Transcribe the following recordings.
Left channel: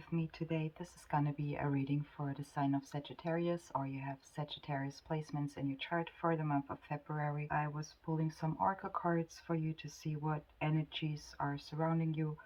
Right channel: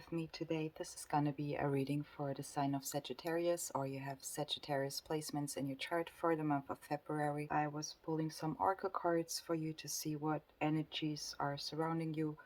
with me today. This is going to be a reading for the sign of Sagittarius, or you have Sagittarius placements in your chart for the month of February. I was pulling some oracle cards for you to see what energies are surrounding you.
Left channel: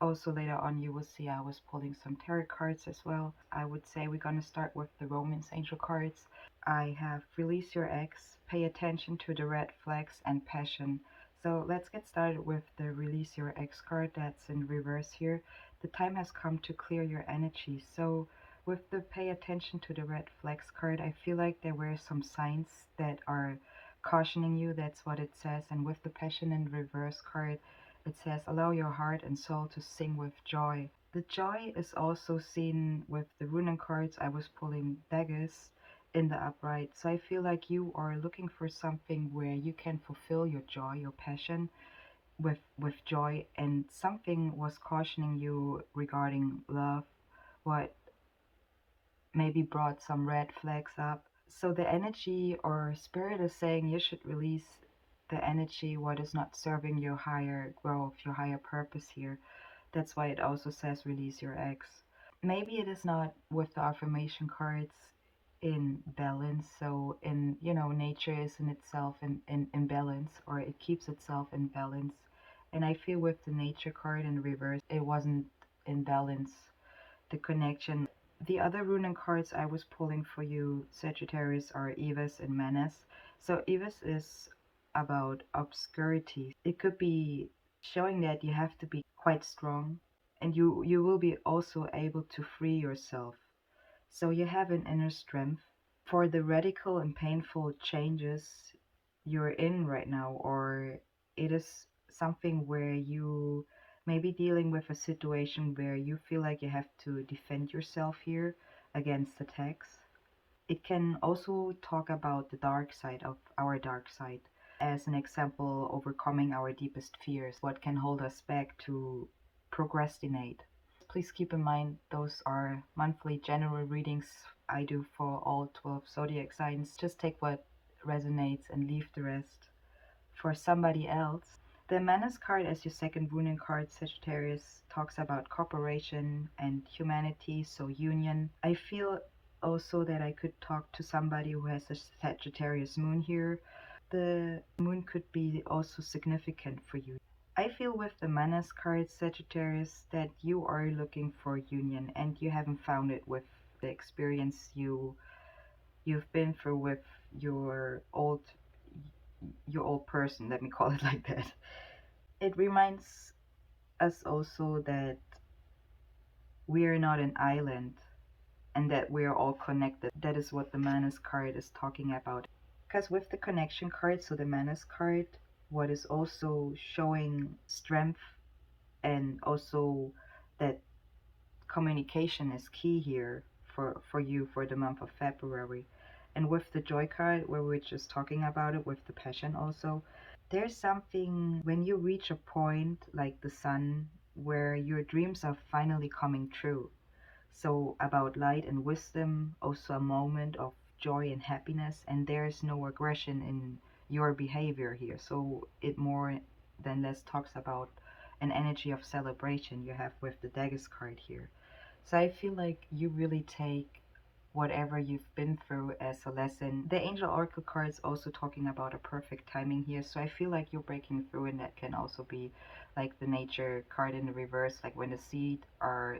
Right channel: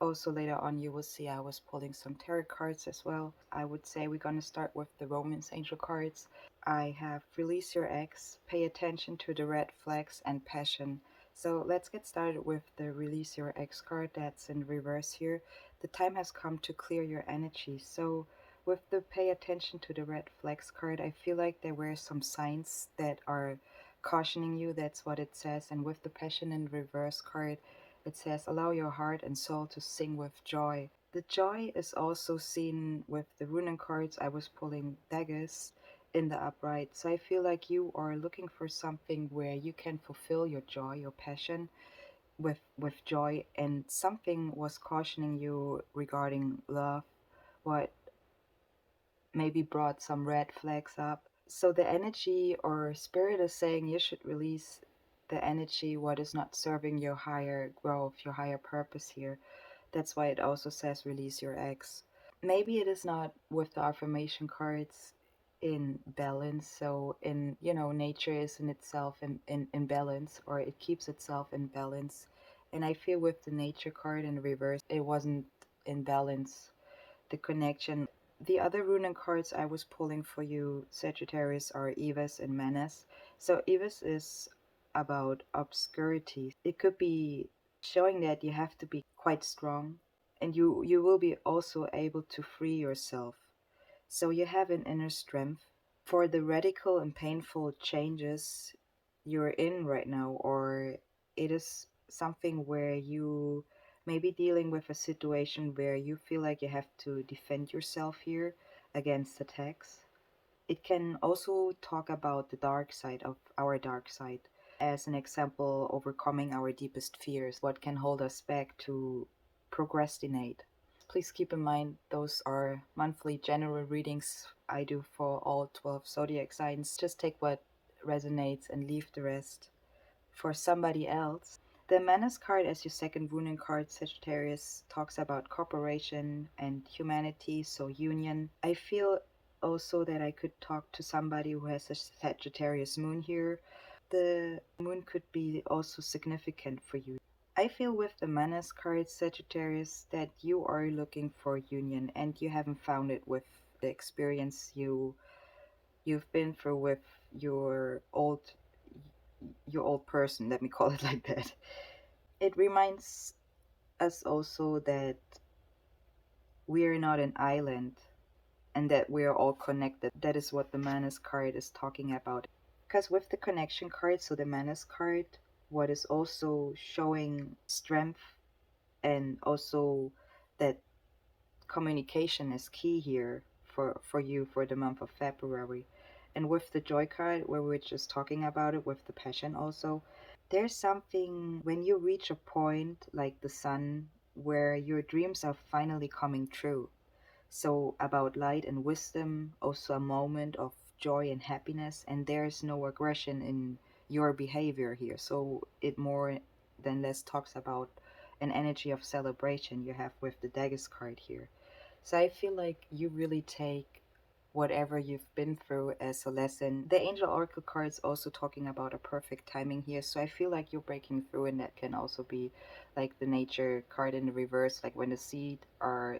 Also, later on, you will see I was pulling some tarot cards as well. I would say we're going to start with the Romance Angel cards. I have Release Your Ex, Pay Attention to the Red Flags, and Passion. So let's get started with the Release Your Ex card that's in reverse here. The time has come to clear your energy. So with the Pay Attention to the Red Flags card, I feel like there were some signs that are cautioning you. That's what it says. And with the Passion in reverse card, it says, allow your heart and soul to sing with joy. The joy is also seen with the Runen cards. I was pulling daggers in the upright. So I feel like you are looking for something where you can fulfill your joy, your passion with joy, and something was cautioning you regarding love, what maybe brought some red flags up. So the energy or spirit is saying you should release the energy what is not serving your higher growth, your higher purpose here. That's why it also says release your ex. Maybe it is not with the affirmation cards in balance. So in nature is in itself in balance, or it keeps itself in balance. And I feel with the nature card in reverse, it wasn't in balance, the connection. The other runic cards I was pulling for you, Sagittarius, are Evis and Menace. So Evis is about obscurity. It could be showing that you have to be quite strong, and you will be also able to free yourself. So you have an inner strength for the radical and painful changes you're in right now, or it is something where you may be dealing with a situation where you feel like you have to defend yourself here against attacks. It can also talk about the dark side of our dark side. As an example, overcoming our deepest fears, what can hold us back to procrastinate. Please keep in mind those are monthly general readings I do for all 12 zodiac signs. Just take what resonates and leave the rest for somebody else. The Manus card as your second runing card, Sagittarius, talks about cooperation and humanity, so union. I feel also that I could talk to somebody who has a Sagittarius moon here. The moon could be also significant for you. I feel with the Manas card, Sagittarius, that you are looking for union and you haven't found it with the experience you've been through with your old person, let me call it like that. It reminds us also that we are not an island and that we are all connected. That is what the Manas card is talking about. Because with the connection card, so the Manas card, what is also showing strength, and also that communication is key here for you for the month of February. And with the joy card, where we're just talking about it with the passion also, there's something when you reach a point like the sun where your dreams are finally coming true. So about light and wisdom, also a moment of joy and happiness, and there's no aggression in your behavior here. So it more than less talks about an energy of celebration you have with the daggers card here. So I feel like you really take whatever you've been through as a lesson. The angel oracle card is also talking about a perfect timing here. So I feel like you're breaking through, and that can also be like the nature card in the reverse, like when the seed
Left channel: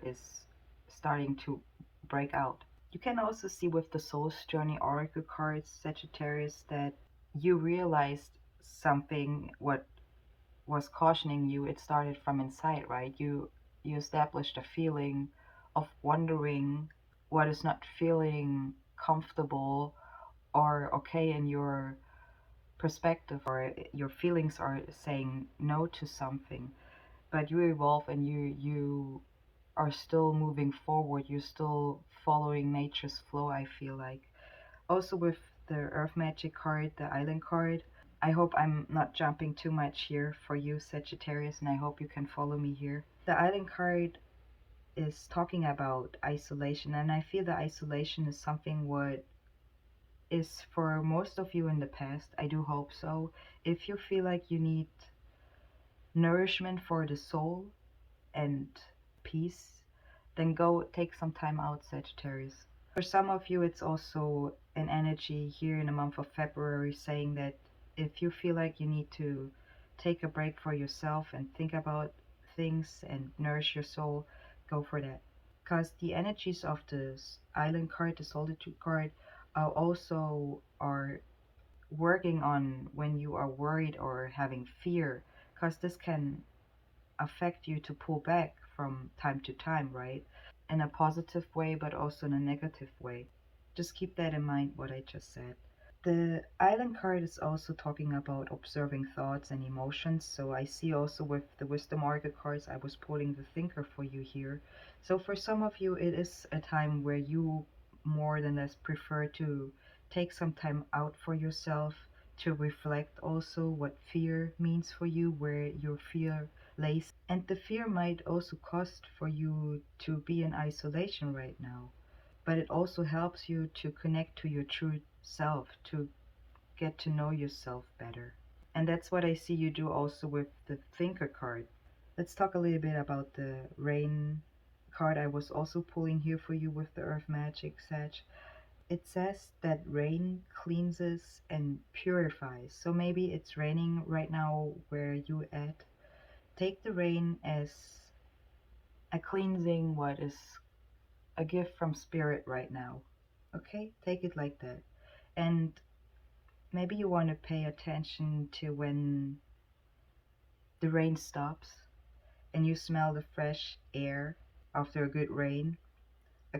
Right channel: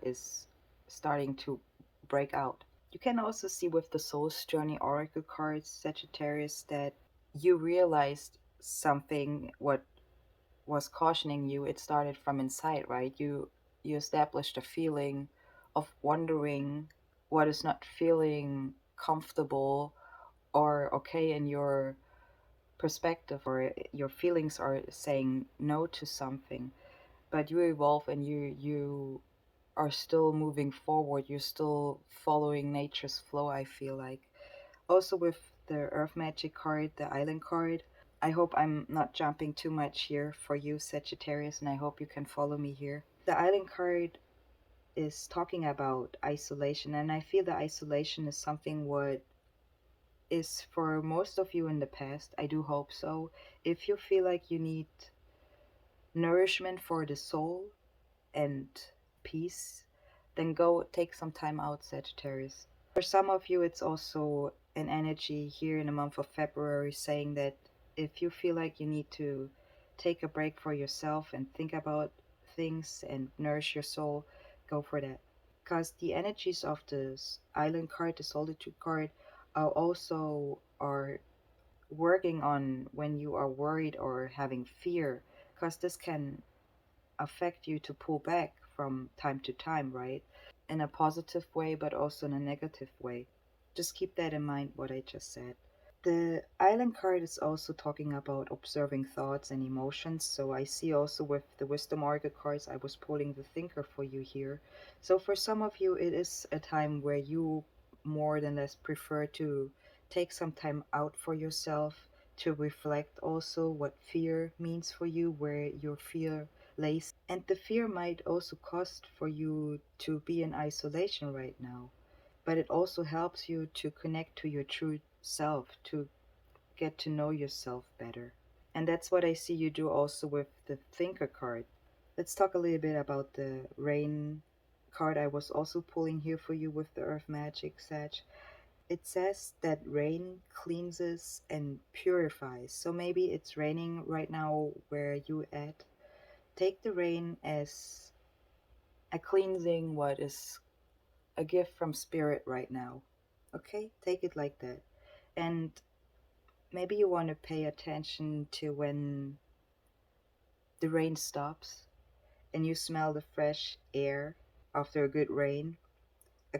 is starting to break out. You can also see with the soul's journey oracle cards, Sagittarius, that you realized something what was cautioning you. It started from inside, right? You established a feeling of wondering what is not feeling comfortable or okay in your perspective, or your feelings are saying no to something. But you evolve, and you are still moving forward. You're still following nature's flow, I feel like. Also with the earth magic card, the island card, I hope I'm not jumping too much here for you, Sagittarius, and I hope you can follow me here. The island card is talking about isolation, and I feel that isolation is something what is for most of you in the past. I do hope so. If you feel like you need nourishment for the soul and peace, then go take some time out, Sagittarius. For some of you, it's also an energy here in the month of February saying that if you feel like you need to take a break for yourself and think about things and nourish your soul, go for that. Because the energies of this island card, the solitude card, are also are working on when you are worried or having fear, because this can affect you to pull back from time to time, right? In a positive way, but also in a negative way. Just keep that in mind, what I just said. The island card is also talking about observing thoughts and emotions. So I see also with the wisdom oracle cards, I was pulling the thinker for you here. So for some of you, it is a time where you more than less prefer to take some time out for yourself, to reflect also what fear means for you, where your fear lays. And the fear might also cost for you to be in isolation right now, but it also helps you to connect to your true self, to get to know yourself better. And that's what I see you do also with the Thinker card. Let's talk a little bit about the Rain card I was also pulling here for you with the Earth Magic Sag. It says that rain cleanses and purifies. So maybe it's raining right now where you at. Take the rain as a cleansing, what is a gift from spirit right now. Okay? Take it like that. And maybe you want to pay attention to when the rain stops and you smell the fresh air after a good rain. Uh,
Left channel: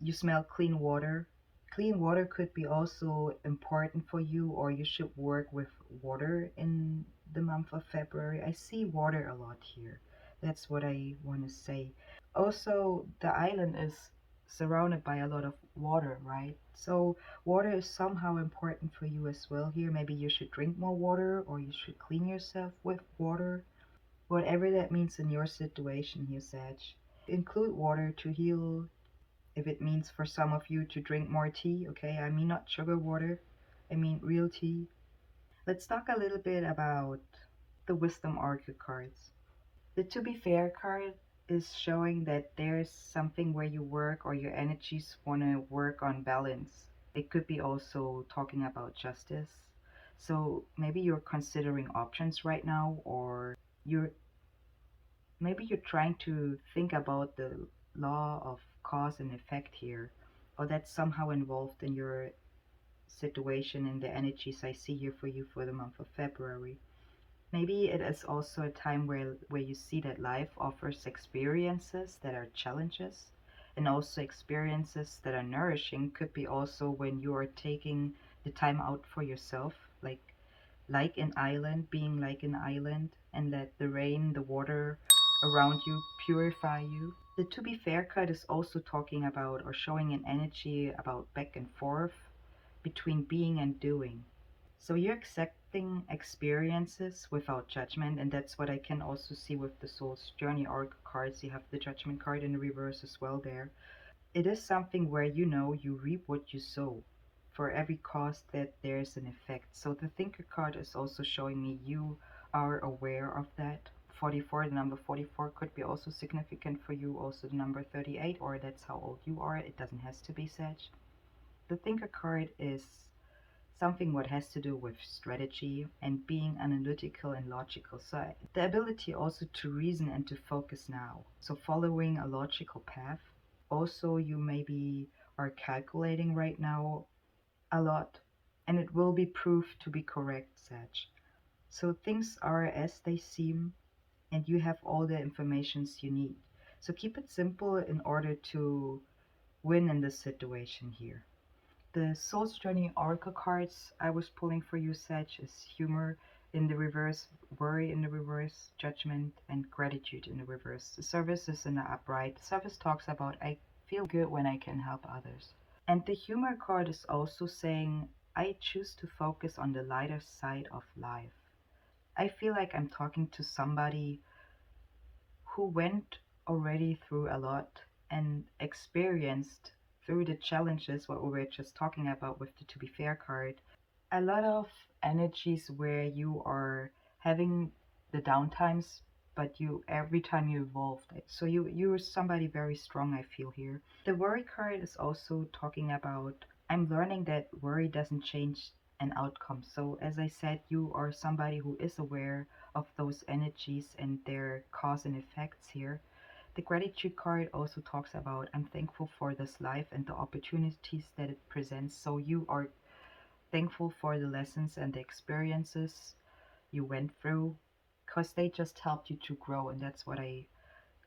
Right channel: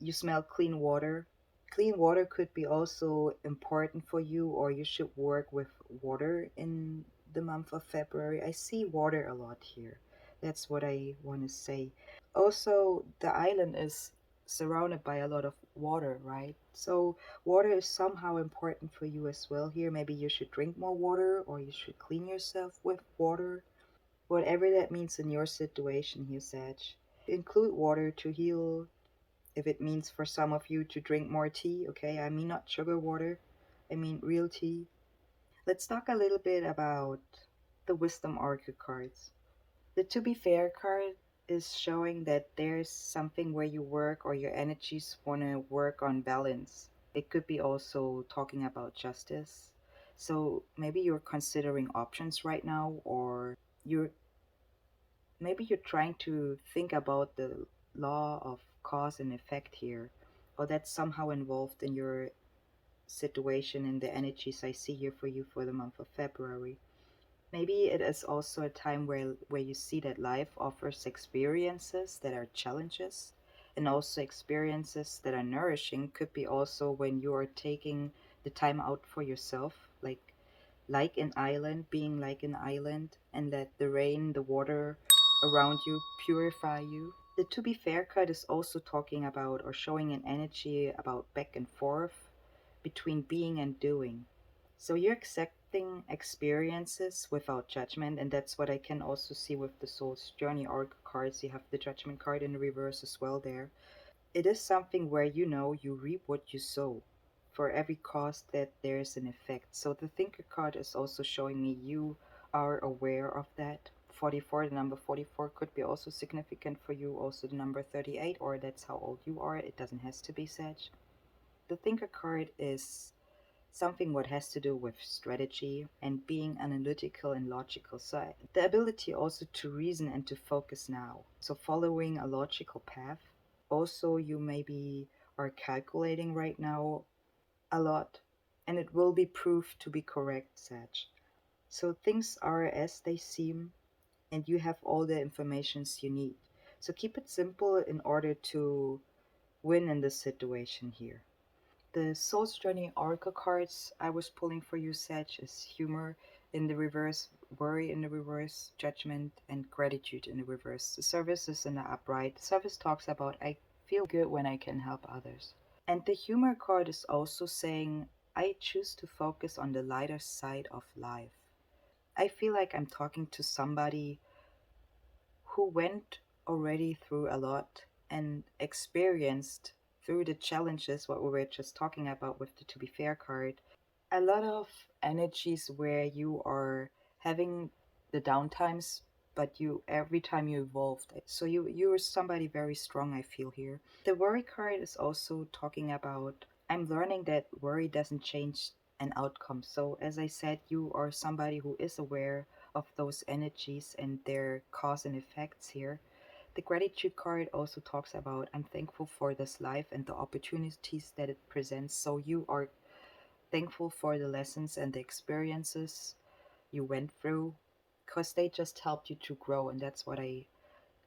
You smell clean water. Clean water could be also important for you, or you should work with water in the month of February. I see water a lot here. That's what I want to say. Also, the island is surrounded by a lot of water, right? So, water is somehow important for you as well here. Maybe you should drink more water, or you should clean yourself with water. Whatever that means in your situation here, Sag. Include water to heal. If it means for some of you to drink more tea, okay? I mean, not sugar water, I mean real tea. Let's talk a little bit about the Wisdom Oracle cards. The To Be Fair card is showing that there's something where you work or your energies want to work on balance. It could be also talking about justice. So maybe you're considering options right now, or you're maybe you're trying to think about the law of cause and effect here, or that's somehow involved in your situation and the energies I see here for you for the month of February. Maybe it is also a time where you see that life offers experiences that are challenges and also experiences that are nourishing. Could be also when you are taking the time out for yourself, like an island, being like an island, and let the rain, the water around you purify you. The To Be Fair card is also talking about or showing an energy about back and forth between being and doing. So you're accepting experiences without judgment, and that's what I can also see with the Soul's Journey Oracle cards. You have the Judgment card in the reverse as well there. It is something where you know you reap what you sow. For every cause that there's an effect. So the Thinker card is also showing me you are aware of that. 44, the number 44 could be also significant for you. Also the number 38, or that's how old you are. It doesn't have to be Sag. The Thinker card is something what has to do with strategy and being analytical and logical. So the ability also to reason and to focus now. So following a logical path. Also, you maybe are calculating right now a lot, and it will be proved to be correct, Sag. So things are as they seem, and you have all the informations you need. So keep it simple in order to win in this situation here. The Soul's Journey Oracle cards I was pulling for you, Sag, is humor in the reverse, worry in the reverse, judgment, and gratitude in the reverse. The service is in the upright. The service talks about I feel good when I can help others. And the humor card is also saying I choose to focus on the lighter side of life. I feel like I'm talking to somebody who went already through a lot and experienced through the challenges what we were just talking about with the To Be Fair card, a lot of energies where you are having the downtimes but you every time you evolved. So you were somebody very strong, I feel here. The worry card is also talking about I'm learning that worry doesn't change an outcome. So as I said, you are somebody who is aware of those energies and their cause and effects here. The gratitude card also talks about I'm thankful for this life and the opportunities that it presents. So you are thankful for the lessons and the experiences you went through because they just helped you to grow. And that's what I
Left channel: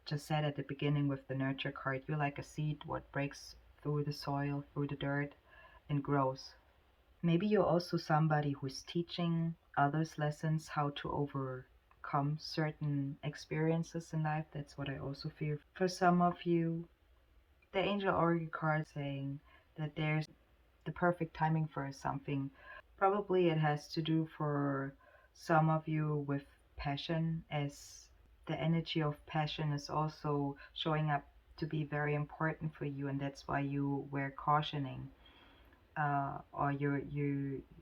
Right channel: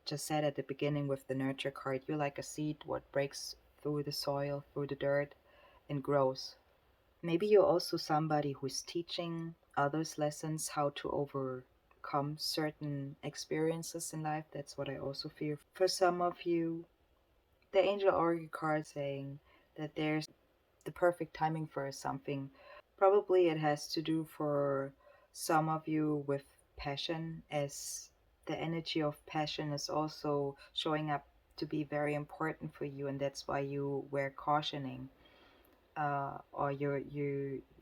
just said at the beginning with the nurture card. You're like a seed, what breaks through the soil, through the dirt, and grows. Maybe you're also somebody who's teaching others lessons how to overcome certain experiences in life. That's what I also feel. For some of you, the angel oracle card saying that there's the perfect timing for something. Probably it has to do for some of you with passion, as the energy of passion is also showing up to be very important for you, and that's why you were cautioning, or your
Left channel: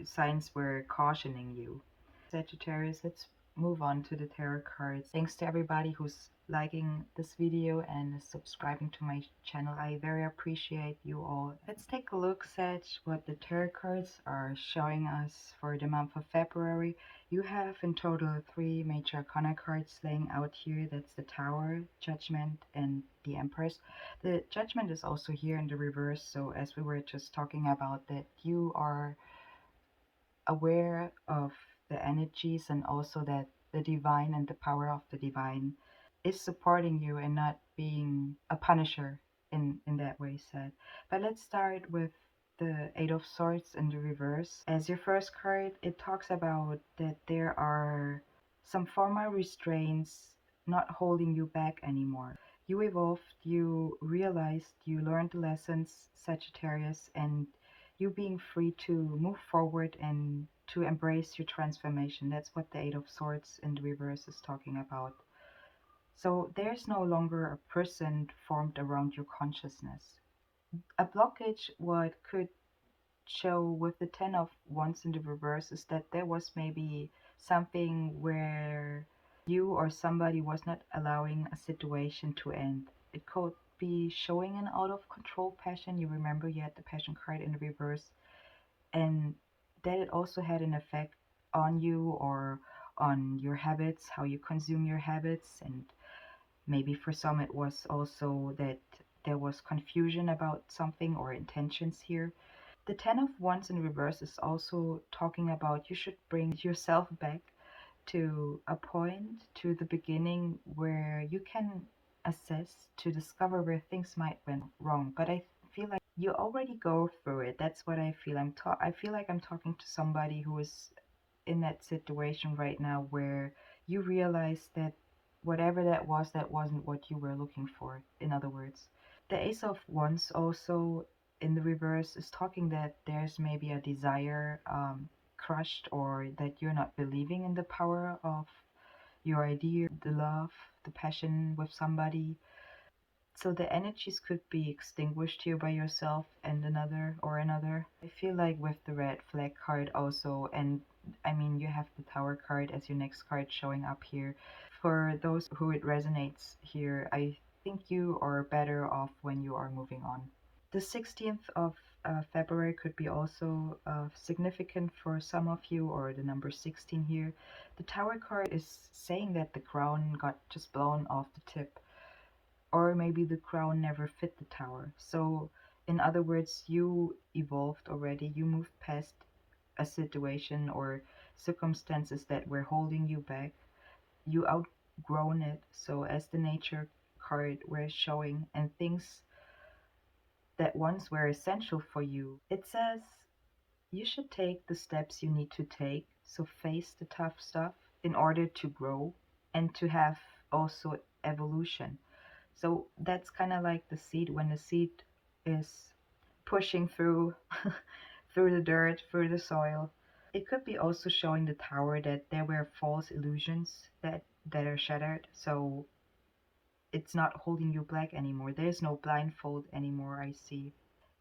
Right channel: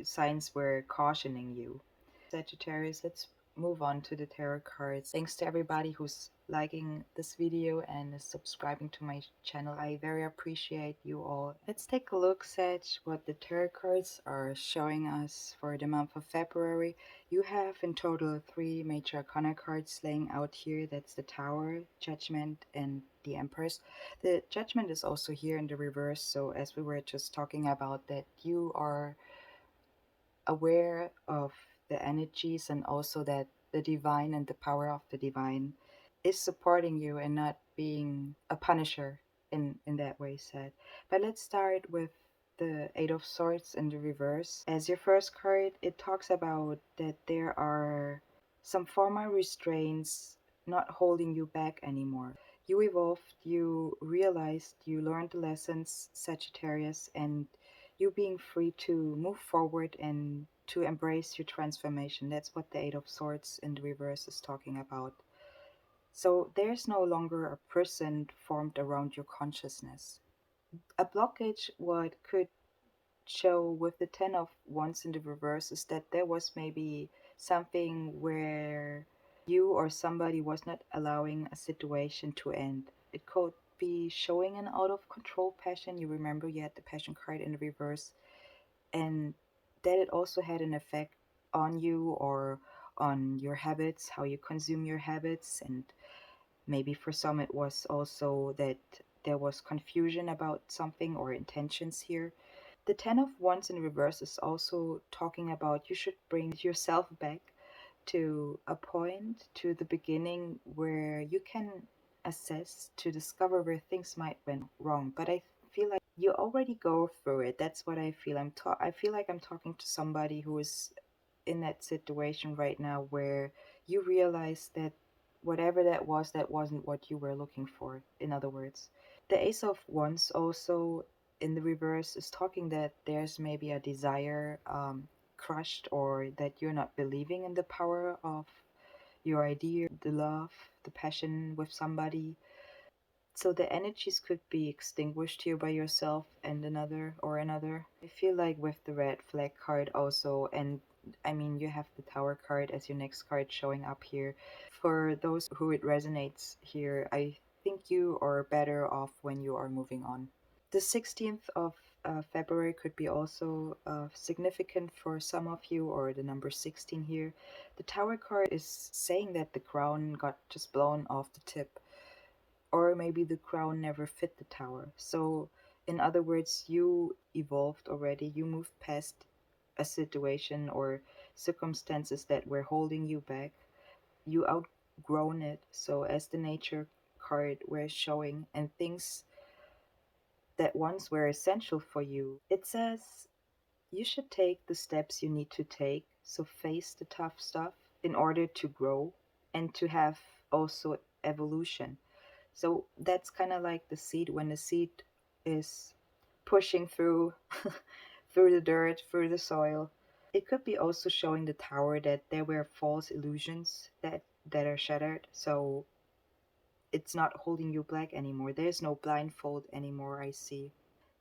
signs were cautioning you. Sagittarius, let's move on to the tarot cards. Thanks to everybody who's liking this video and is subscribing to my channel. I very appreciate you all. Let's take a look at what the tarot cards are showing us for the month of February. You have in total three major arcana cards laying out here. That's the Tower, Judgment, and the Empress. The Judgment is also here in the reverse. So as we were just talking about that, you are aware of the energies and also that the divine and the power of the divine is supporting you and not being a punisher in that way said. But let's start with the Eight of Swords in the reverse. As your first card, it talks about that there are some former restraints not holding you back anymore. You evolved, you realized, you learned the lessons, Sagittarius, and you being free to move forward and to embrace your transformation. That's what the Eight of Swords in the reverse is talking about. So there's no longer a prison formed around your consciousness. A blockage, what could show with the Ten of Wands in the reverse, is that there was maybe something where you or somebody was not allowing a situation to end. It could be showing an out of control passion. You remember you had the passion card in the reverse, and that it also had an effect on you or on your habits, how you consume your habits. And maybe for some it was also that there was confusion about something or intentions here. The Ten of Wands in reverse is also talking about you should bring yourself back to a point, to the beginning, where you can assess to discover where things might went wrong. But I feel like you already go through it. That's what I feel. I feel like I'm talking to somebody who is in that situation right now where you realize that whatever that wasn't what you were looking for, in other words. The Ace of Wands also in the reverse is talking that there's maybe a desire crushed, or that you're not believing in the power of your idea, the love, the passion with somebody. So the energies could be extinguished here by yourself and another. I feel like with the red flag card also, and I mean, you have the Tower card as your next card showing up here. For those who it resonates here, I think you are better off when you are moving on. The 16th of February could be also significant for some of you, or the number 16 here. The Tower card is saying that the crown got just blown off the tip, or maybe the crown never fit the tower. So, in other words, you evolved already, you moved past a situation or circumstances that were holding you back. You outgrown it. So, as the nature card were showing, and things that once were essential for you, it says you should take the steps you need to take. So, face the tough stuff in order to grow and to have also evolution. So that's kind of like the seed, when the seed is pushing through through the dirt, through the soil. It could be also showing the tower that there were false illusions that are shattered. So it's not holding you back anymore. There's no blindfold anymore, I see.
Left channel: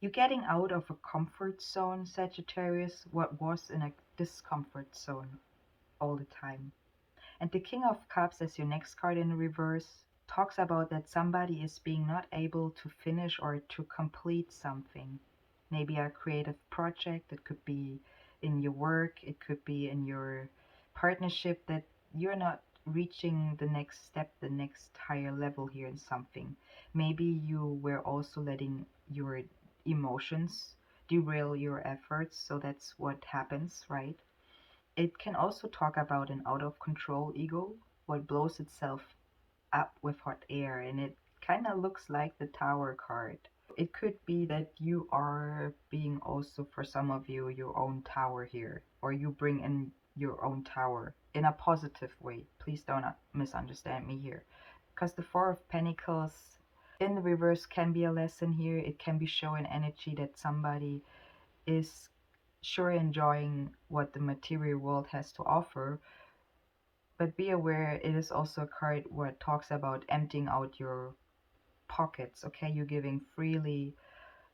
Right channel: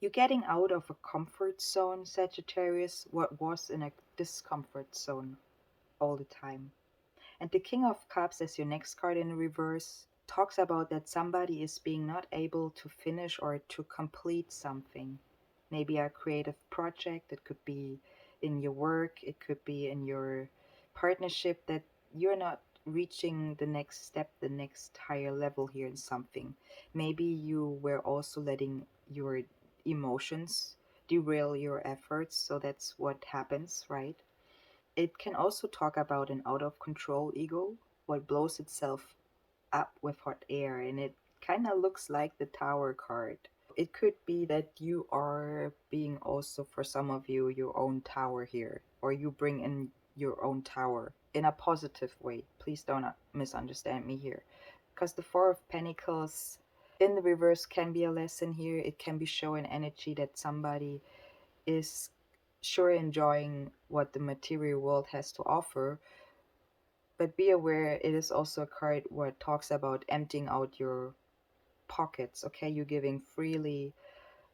You're getting out of a comfort zone, Sagittarius, what was in a discomfort zone all the time. And the King of Cups as your next card in reverse talks about that somebody is being not able to finish or to complete something. Maybe a creative project, it could be in your work, it could be in your partnership, that you're not reaching the next step, the next higher level here in something. Maybe you were also letting your emotions derail your efforts, so that's what happens, right? It can also talk about an out of control ego, what blows itself up with hot air, and it kind of looks like the Tower card. It could be that you are being also, for some of you, your own tower here, or you bring in your own tower in a positive way. Please don't misunderstand me here. Because the Four of Pentacles in the reverse can be a lesson here. It can be showing energy that somebody is sure enjoying what the material world has to offer, but be aware it is also a card what talks about emptying out your pockets. Okay, you're giving freely,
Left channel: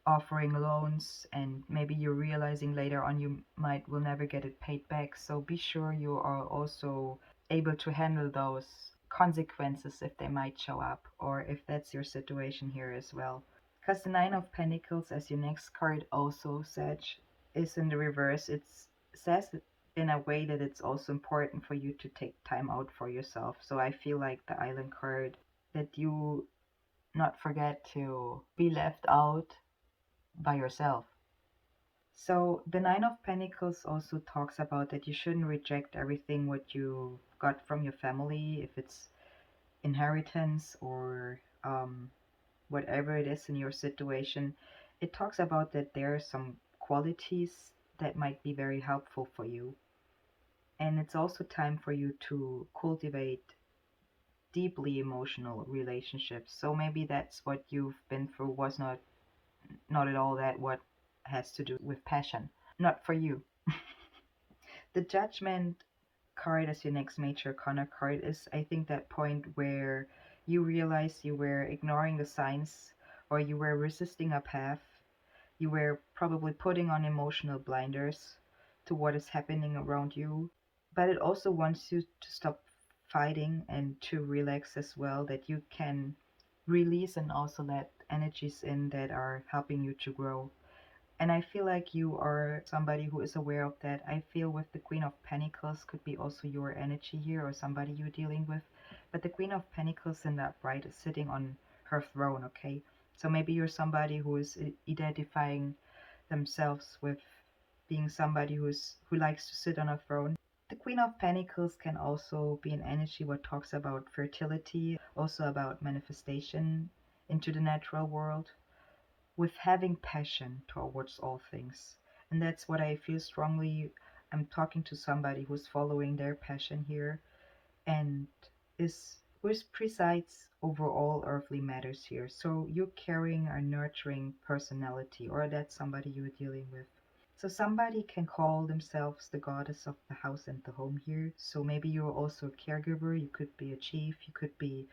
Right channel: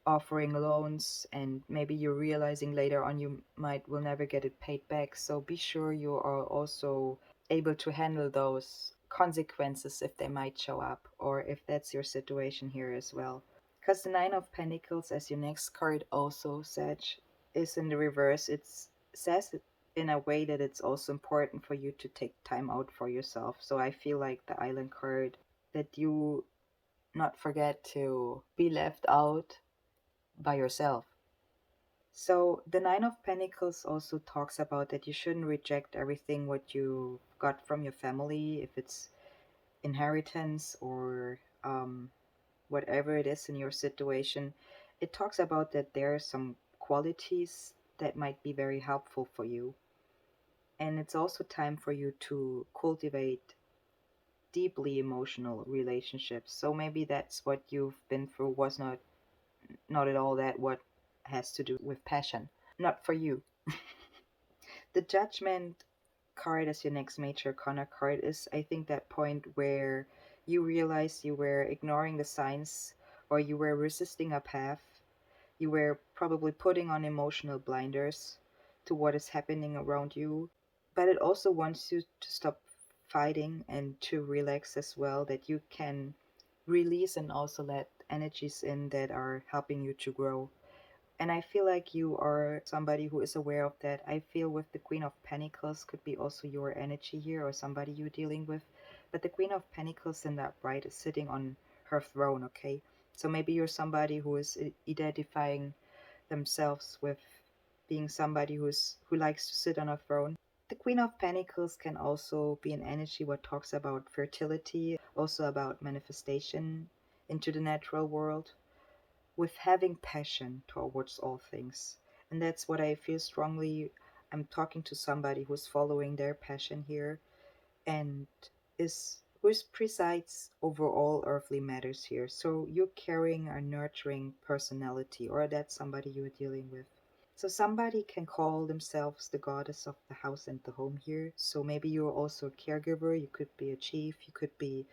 offering loans, and maybe you're realizing later on you might will never get it paid back. So be sure you are also able to handle those consequences if they might show up, or if that's your situation here as well. Because the Nine of Pentacles, as your next card also said, is in the reverse. It says it in a way that it's also important for you to take time out for yourself. So I feel like the Island card, that you not forget to be left out by yourself. So the Nine of Pentacles also talks about that you shouldn't reject everything what you got from your family, if it's inheritance or whatever it is in your situation. It talks about that there are some qualities that might be very helpful for you. And it's also time for you to cultivate deeply emotional relationships. So maybe that's what you've been through was not at all that what has to do with passion. Not for you. The Judgment card as your next major arcana card is, I think, that point where you realize you were ignoring the signs, or you were resisting a path. You were probably putting on emotional blinders to what is happening around you. But it also wants you to stop fighting and to relax as well, that you can release and also let energies in that are helping you to grow. And I feel like you are somebody who is aware of that. I feel with the Queen of Pentacles could be also your energy here, or somebody you're dealing with. But the Queen of Pentacles in the upright is sitting on her throne, okay? So maybe you're somebody who is identifying themselves with being somebody who likes to sit on a throne. The Queen of Pentacles can also be an energy what talks about fertility, also about manifestation into the natural world, with having passion towards all things. And that's what I feel strongly. I'm talking to somebody who's following their passion here, and is who presides over all earthly matters here. So you're carrying a nurturing personality, or that's somebody you're dealing with. So somebody can call themselves the goddess of the house and the home here. So maybe you're also a caregiver, you could be a chief, you could be,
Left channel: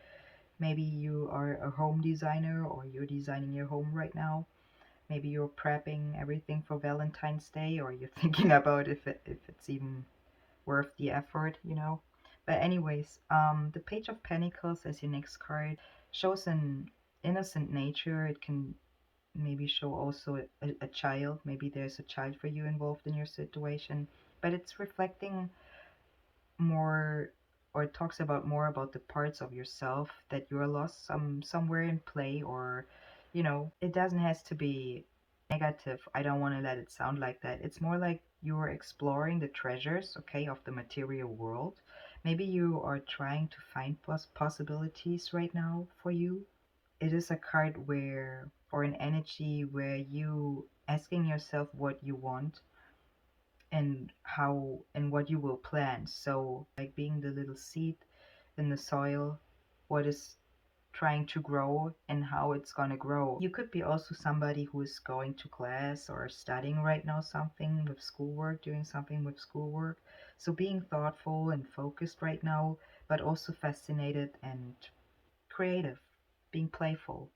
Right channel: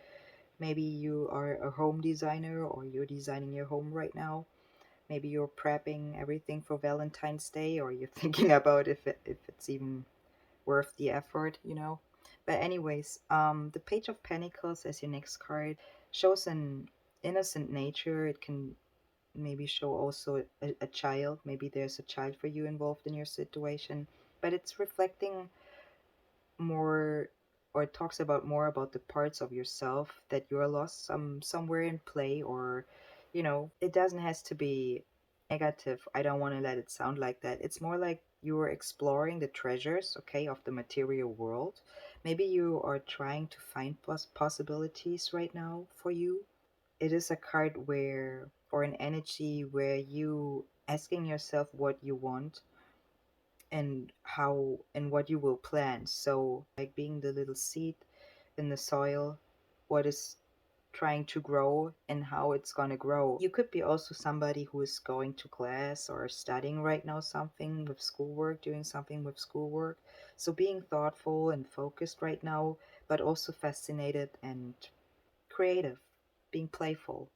maybe you are a home designer, or you're designing your home right now. Maybe you're prepping everything for Valentine's Day, or you're thinking about if it's even worth the effort, you know. But anyways, the Page of Pentacles as your next card shows an innocent nature. It can maybe show also a child. Maybe there's a child for you involved in your situation, but it's reflecting more, or it talks about more about the parts of yourself that you're lost somewhere in play, or it doesn't has to be negative. I don't want to let it sound like that. It's more like you're exploring the treasures, okay, of the material world. Maybe you are trying to find possibilities right now for you. It is a card where, or an energy where you asking yourself what you want, and how and what you will plant. So like being the little seed in the soil, what is trying to grow and how it's going to grow. You could be also somebody who is going to class or studying right now something with schoolwork, doing something with schoolwork. So being thoughtful and focused right now, but also fascinated and creative, being playful.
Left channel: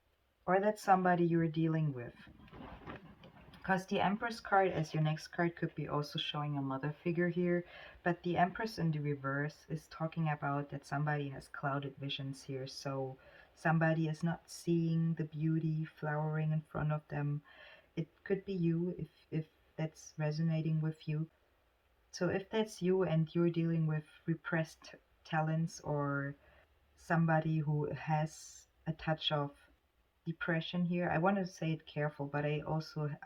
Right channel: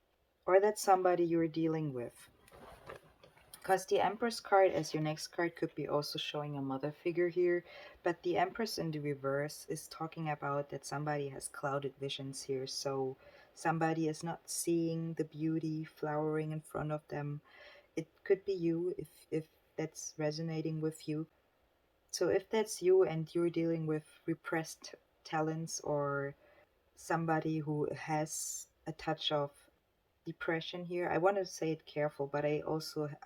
Or that's somebody you're dealing with. Because the Empress card as your next card could be also showing a mother figure here, But the Empress in the reverse is talking about that somebody has clouded visions here. So somebody is not seeing the beauty flowering in front of them. It could be you if that's resonating with you. So if that's you and you're dealing with repressed talents, or somebody who has a touch of depression here, I want to say it careful, but I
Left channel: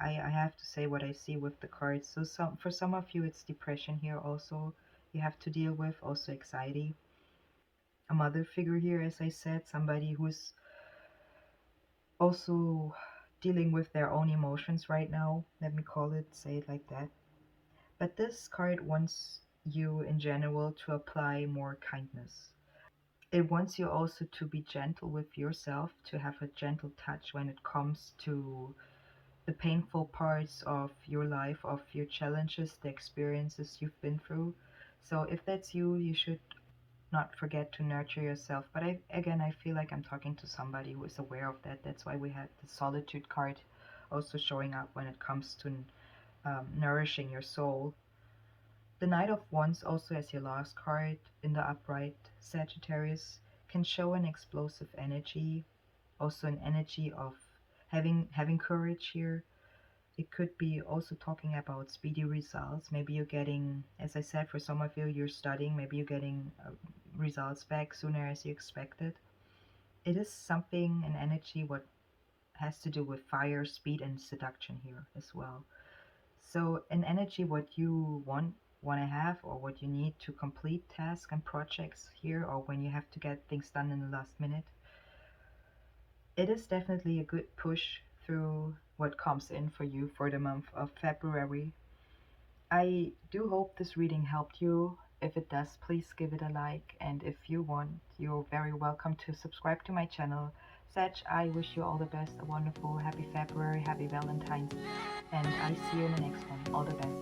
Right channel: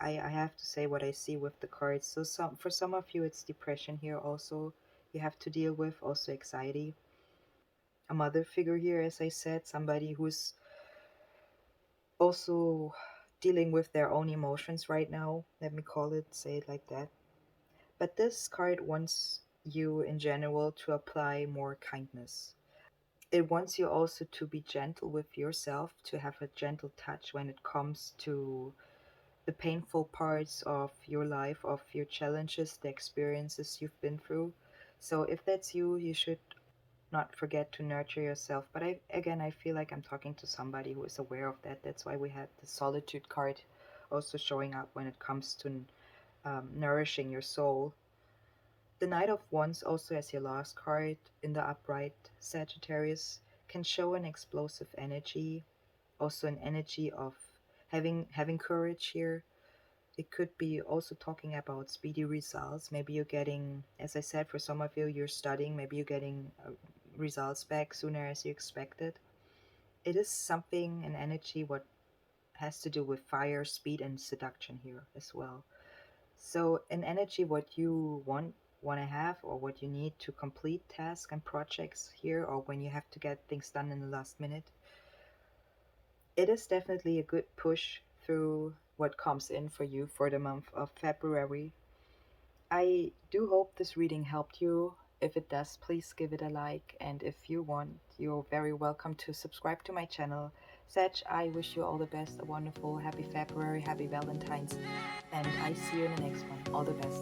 have to say what I see with the cards. So for some of you it's depression here also you have to deal with, also anxiety. A mother figure here, as I said, somebody who's also dealing with their own emotions right now. Let me call it, say it like that. But this card wants you in general to apply more kindness. It wants you also to be gentle with yourself, to have a gentle touch when it comes to the painful parts of your life, of your challenges, the experiences you've been through. So if that's you, you should not forget to nurture yourself. But I feel like I'm talking to somebody who is aware of that. That's why we had the solitude card also showing up when it comes to nourishing your soul. The Knight of Wands, also as your last card in the upright Sagittarius, can show an explosive energy, also an energy of having courage here. It could be also talking about speedy results. Maybe you're getting, as I said, for some of you, you're studying, maybe you're getting results back sooner as you expected. It is something, an energy, what has to do with fire, speed, and seduction here as well. So, an energy, what you want to have, or what you need to complete tasks and projects here, or when you have to get things done in the last minute. It is definitely a good push through what comes in for you for the month of February. I do hope this reading helped you. If it does, please give it a like. And if you want, you're very welcome to subscribe to my channel. Sag, I wish you all the best, a wonderful, happy February, happy Valentine's, and I see you in the next one. All the best.